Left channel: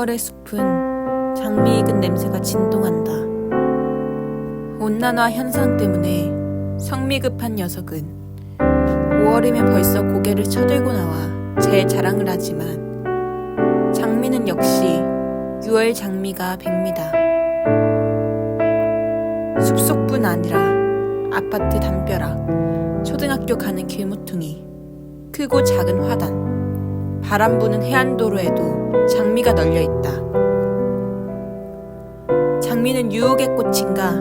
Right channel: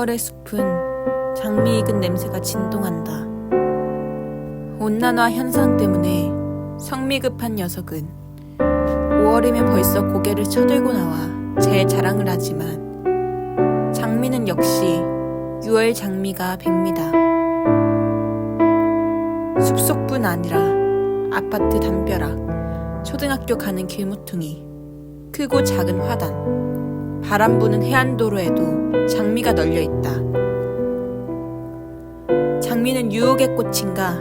6월의 숲은 장미 익은 냄새가 진동한다. 온난화 현상 때문에 성미 급한 녀석은 5월이면 벌써 고개를 쳐들고 나와 제 자랑을 하지만 장미는 역시 6월 장미가 백미다. 숲속뿐 아니라 아파트 담벼락, 초등학교 가는 길모퉁이, 크고 작은 화단, 바람 부는 해안도로에도 장미가 널려 있다. 장미는 유혹의 꽃인가?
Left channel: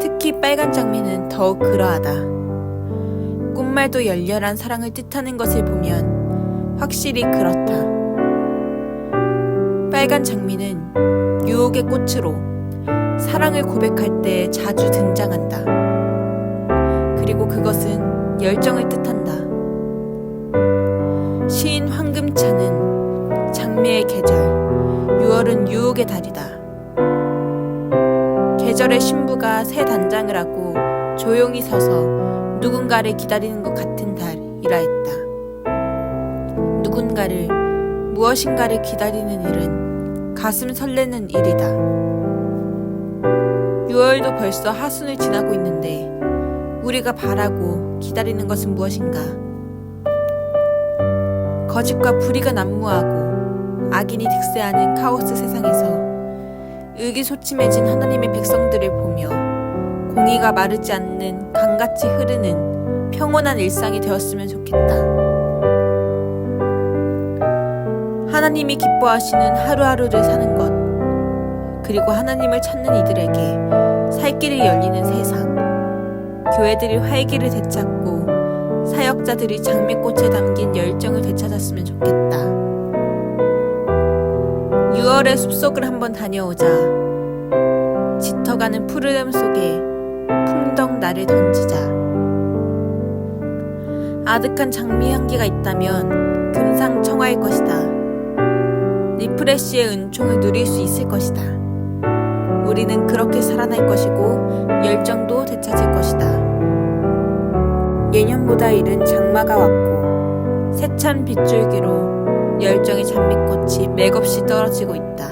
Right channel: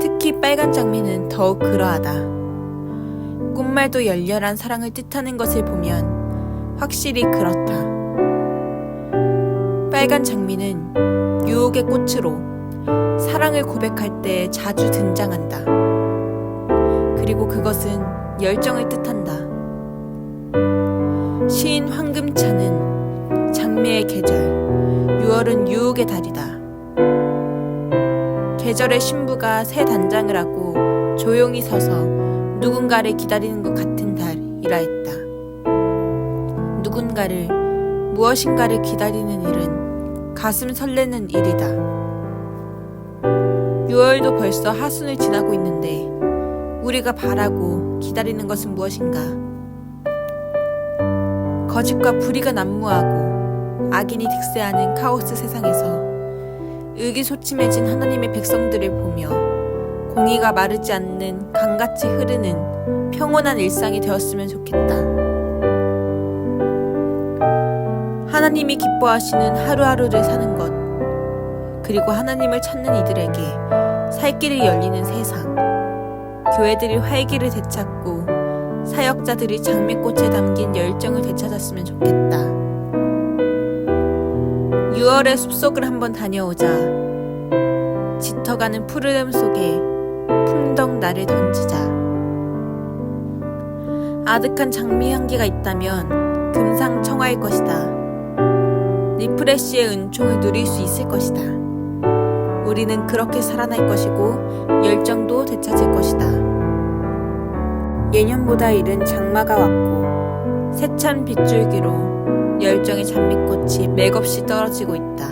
특히 빨간 장미는 더욱 그러하다. 꽃말도 열렬한 사랑을 뜻하는 것을 보면 확실히 그렇다. 빨간 장미는 유혹의 꽃으로 사랑을 고백할 때 자주 등장한다. 그리고 그것은 열정을 뜻한다. 시인 황금차는 장미의 계절, 6월은 유혹의 달이다. 계절의 신부가 새 단장을 하고 조용히 서서 누군가를 기다리는 것 같은 달이라 했다. 누군가를 무엇인가를 기다리는 일은 가슴 설레는 일이다. 6월도 벌써 하순을 지나고 있는데 우리가 바라고 기다리는 것은 무엇인가? 거짓과 불의가 난무하고 악인이 득세하는 카오스 세상에서 의기소침해진 하나님의 백성들을 보며 공의가 마르지 않는 강같이 흐르는 평온한 일상이 되었으면 좋겠다. 하나님이 기뻐하시는 하루하루를 사는 것, 그리고 하나님을 찾는 이들에게 살 길이 열리는 세상, 교회들이 활기를 되찾고 사역자들이 장미꽃에 담긴 열정을 되찾았으면 좋겠다. 6월의 숲속을 한번 다녀오자. 짙어가는 푸르름 속에 풍덩 나를 던지자. 아득한 장미 향기가 있다면 금상첨화일 것이다. 리프레쉬의 은총을 누릴 수 있을 것이다. 우리는 그렇게 살아날 것이고 열정도 되찾을 것이다. 예년보다 이른 장마가 왔고 세찬 빗줄기로 열정의 장미꽃이 맥없이 떨어지고 있다.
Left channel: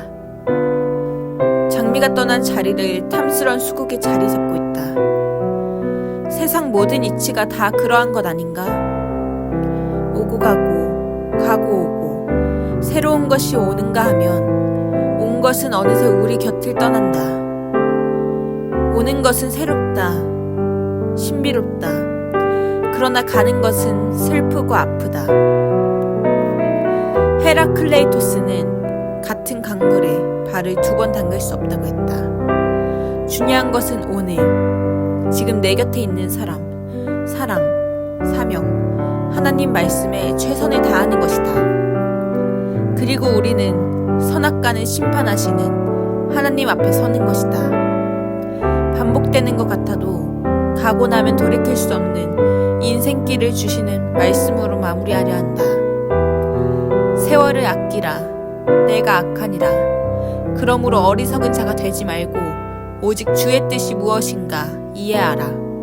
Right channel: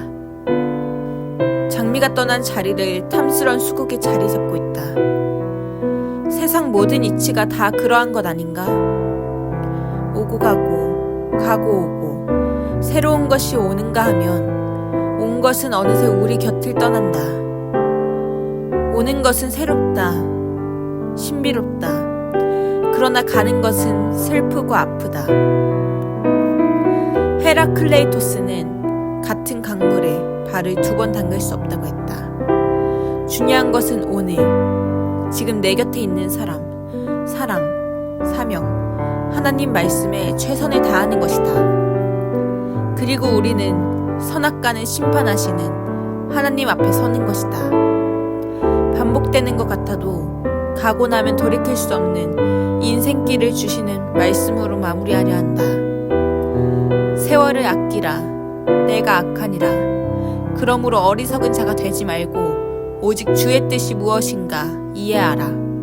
장미가 떠난 자리를 탐스런 수국이 자리 잡고 있다. 세상 모든 이치가 다 그러한 것 아닌가? 오고 가고, 가고 오고, 새로운 것이 오는가 하면 온 것은 어느새 우리 곁을 떠난다. 오는 것은 새롭다. 신비롭다. 그러나 가는 것은 슬프고 아프다. 헤라클레이토스는 같은 강물에 발을 두 번 담글 수 없다고 했다. 중요한 것은 오늘, 지금 내 곁에 있는 사람, 사랑, 사명, 하나님 말씀에 최선을 다하는 것이다. 그리고 우리는 선악간을 심판하시는 하나님 앞에 서는 것이다. 반복되는 것 같아도 가고 나면 돌이킬 수 없는 인생길을 주시는 말씀으로 마무리하려 한다. 세월을 아끼라. 내가 악하니라. 그러므로 어리석은 자가 되지 말고 오직 주의 뜻이 무엇인가 이해하라.